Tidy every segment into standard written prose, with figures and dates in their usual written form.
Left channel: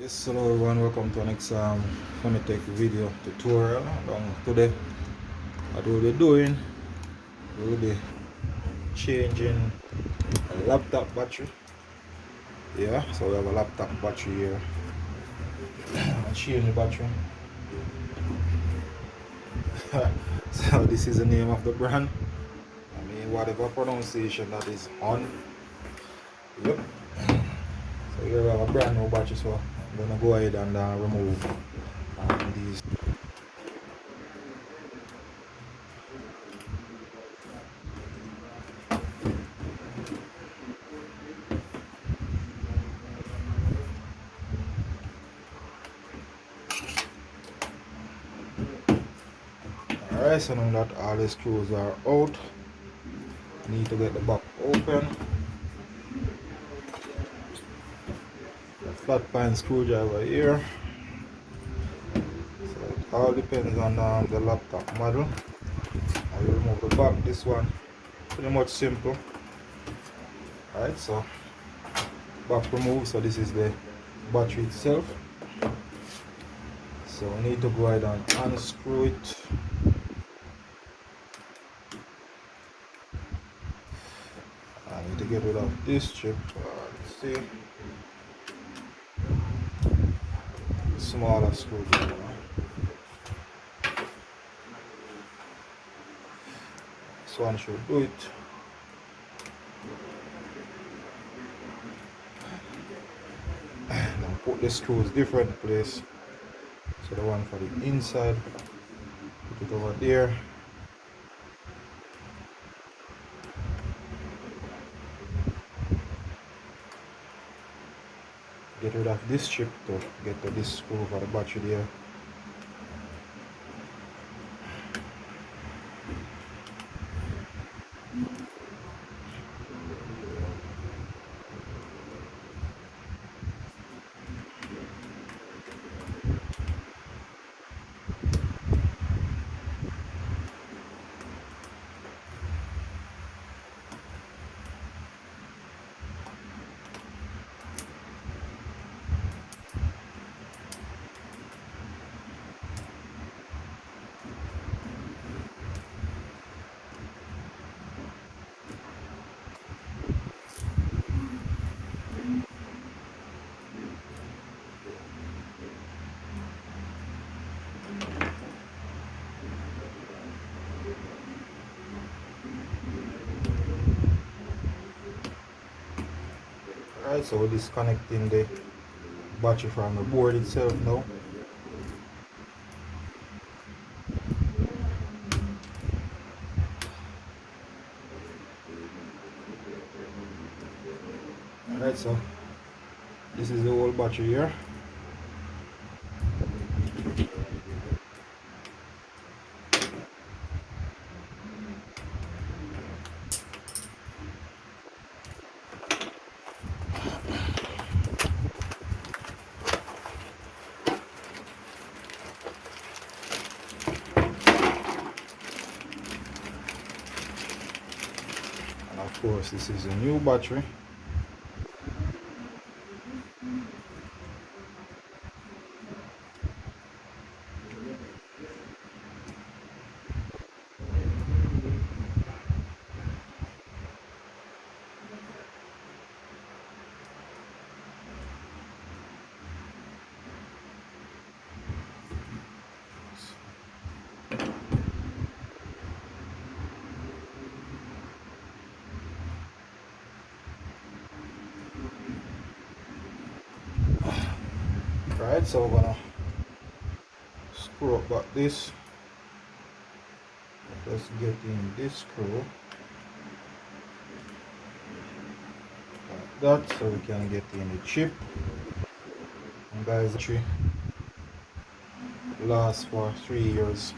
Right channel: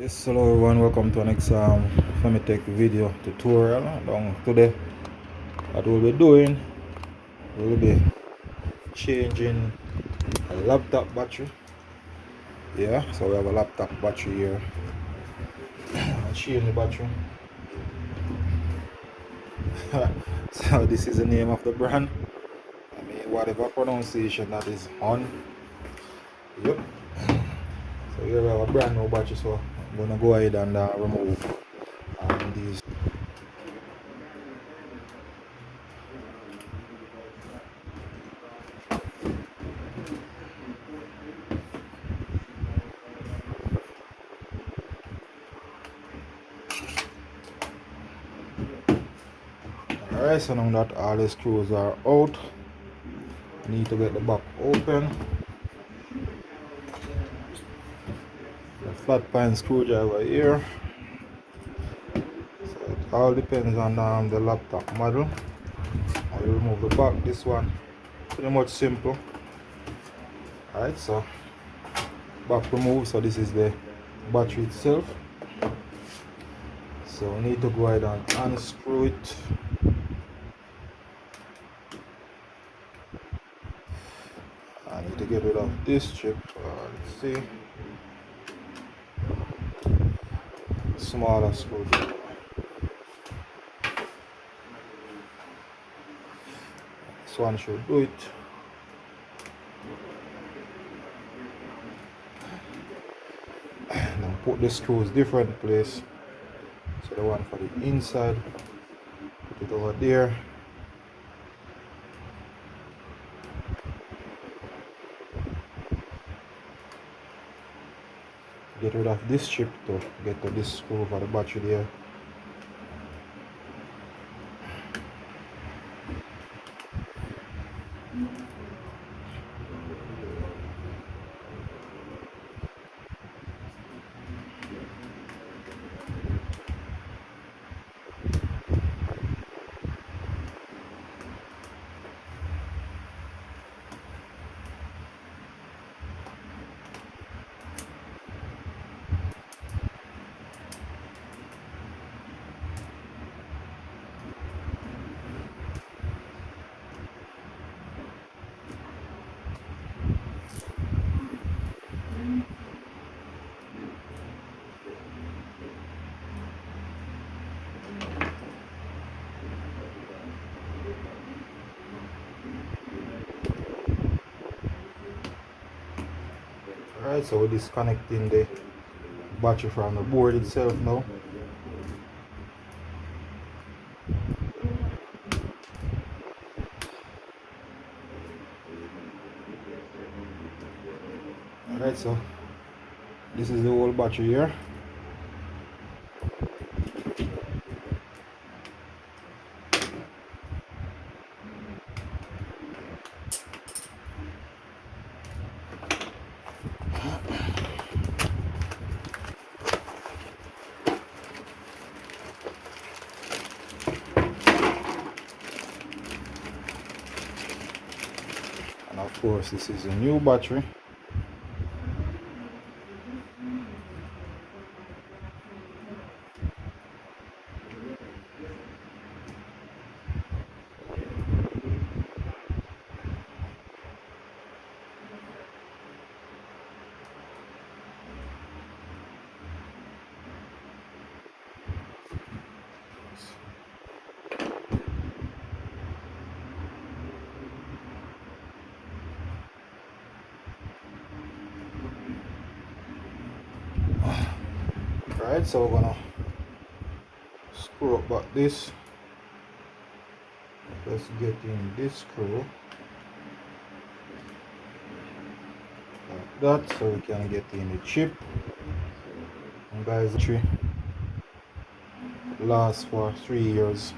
Yes, hello everyone, welcome to the next Famitech video tutorial. Today, what we'll be doing, we'll be changing a laptop battery. Yeah, so we have a laptop battery here. And change the battery. So this is the name of the brand. I mean, whatever pronunciation that is on. Yep. So here we have a brand new battery, so I'm gonna go ahead and remove these. Alright, so now that all the screws are out, I need to get the back open. Flat pan screwdriver here. So it all depends on the laptop model. I will remove the back. This one pretty much simple. Alright, so back remove. So this is the battery itself. So I need to go ahead and unscrew it. I need to get rid of this strip. Let's see. Smaller screwdriver. This one should do it. Now put the screws different place. So the one for the inside, put it over there. Get rid of this strip to get to this screw for the battery there. Alright, so we're disconnecting the battery from the board itself now. Alright, so this is the whole battery here. And of course, this is a new battery. Alright, so we're gonna screw up back this. Let's get in this screw like that, so we can get in the chip. And guys, the battery lasts for 3 years.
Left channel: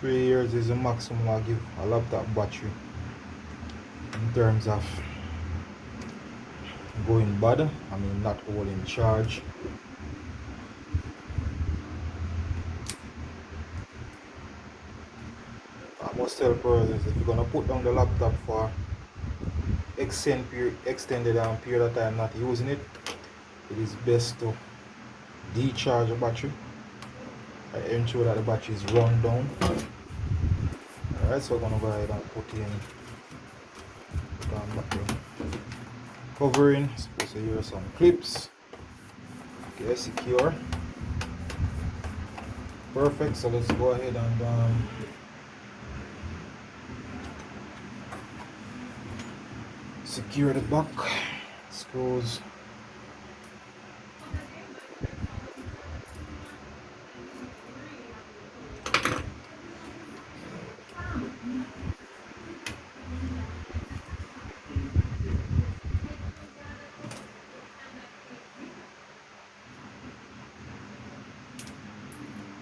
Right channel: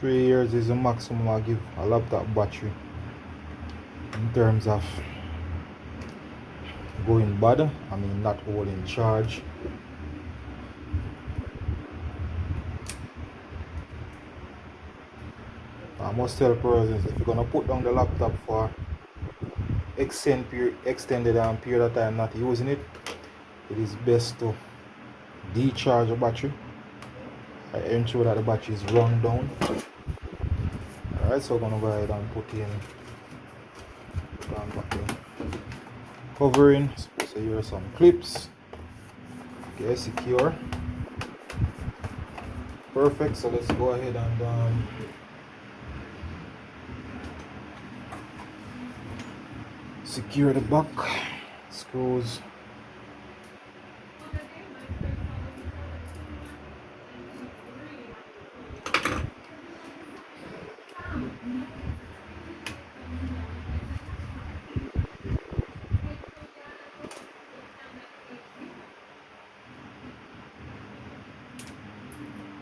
3 years is the maximum I give a laptop battery in terms of going bad. I mean, not holding charge. I must tell persons, if you're gonna put down the laptop for extended period of time not using it, it is best to decharge the battery. I ensure that the battery is run down. Alright, so we're gonna go ahead and put in covering. Supposed to use some clips. Okay, secure. Perfect. So let's go ahead and secure the back screws.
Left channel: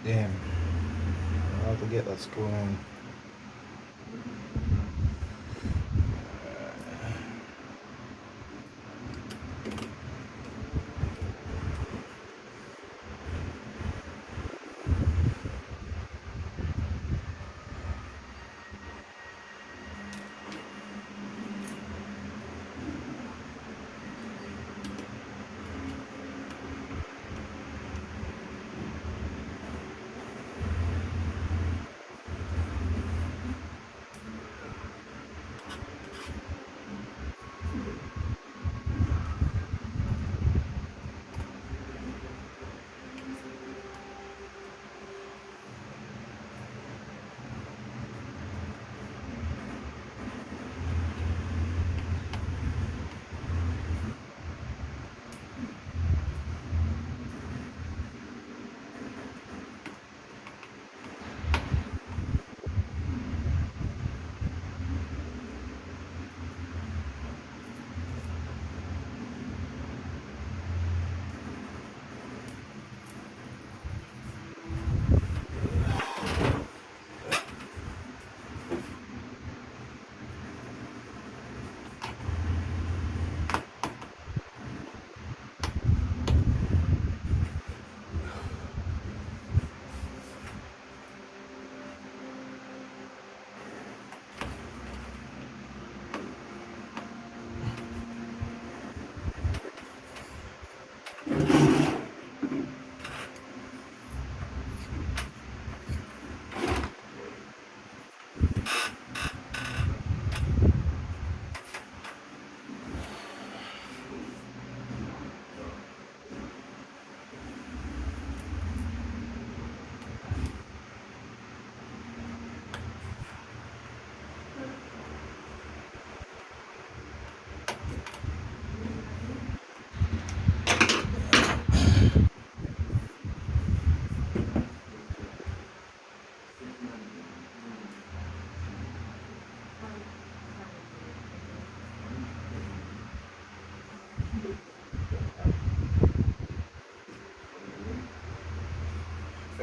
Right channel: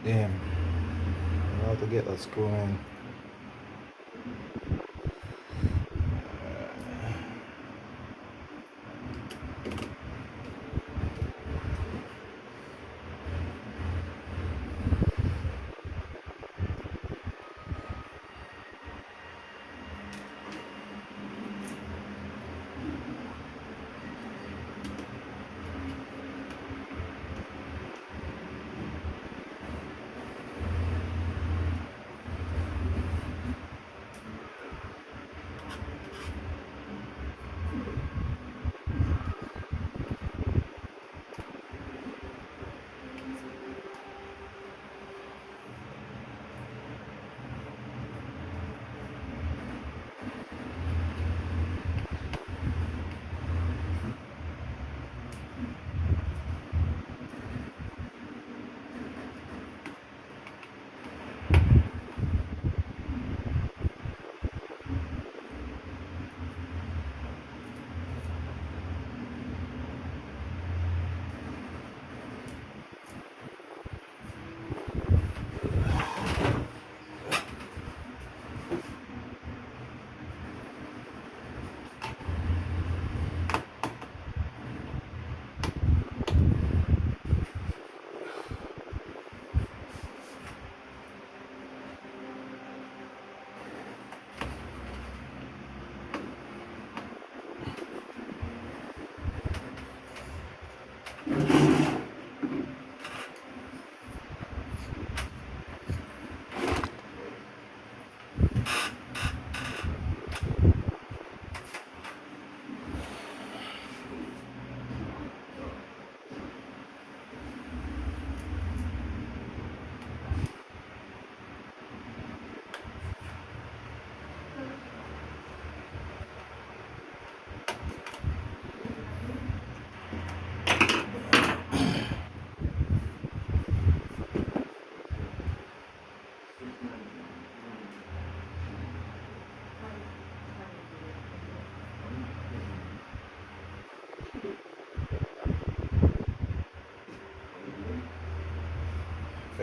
Then how to get that screw in.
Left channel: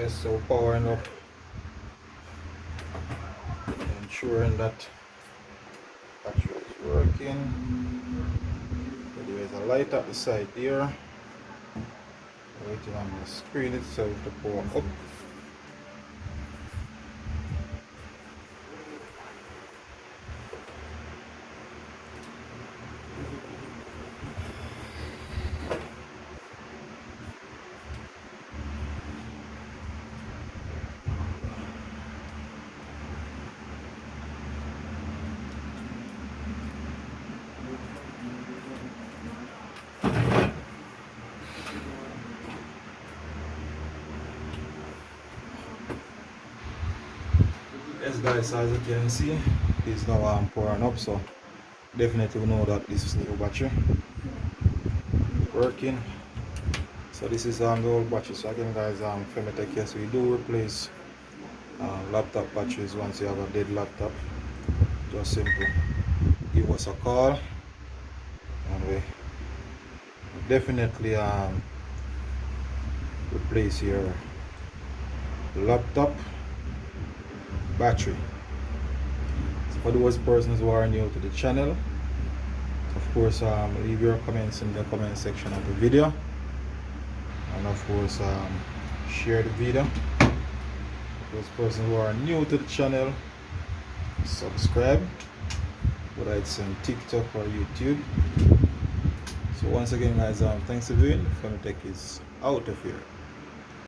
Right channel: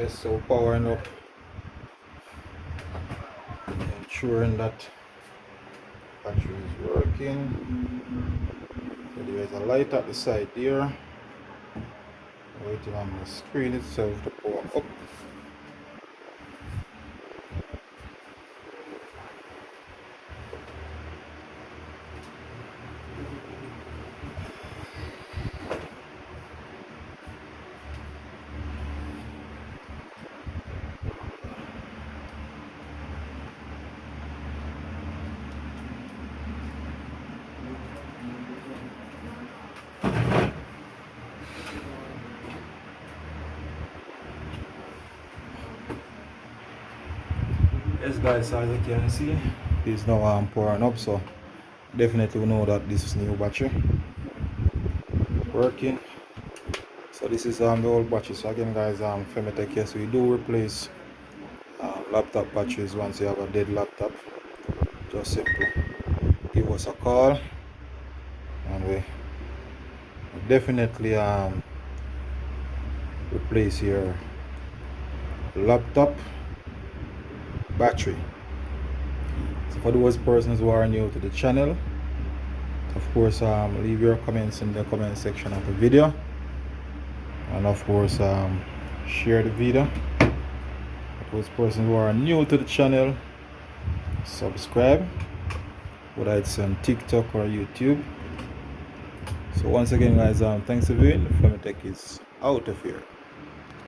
So powering up, ensuring that battery is working. So there is a light at the side there, waiting on the screen itself to power up. Yes guys, as you can see, it is now pouring up, so definitely we know that this is new battery working. So this is the old battery. So again guys, Femitech, yes, we do replace laptop batteries once you have a dead laptop. Just simply give us a call and we definitely replace your laptop battery. So for those persons who are new to the channel, of course leave your comments in the comment section of the video, and of course share the video. For those persons who are new to the channel, subscribe, whether it's on TikTok or YouTube. So once again guys, thanks for viewing. Femitech is out of here.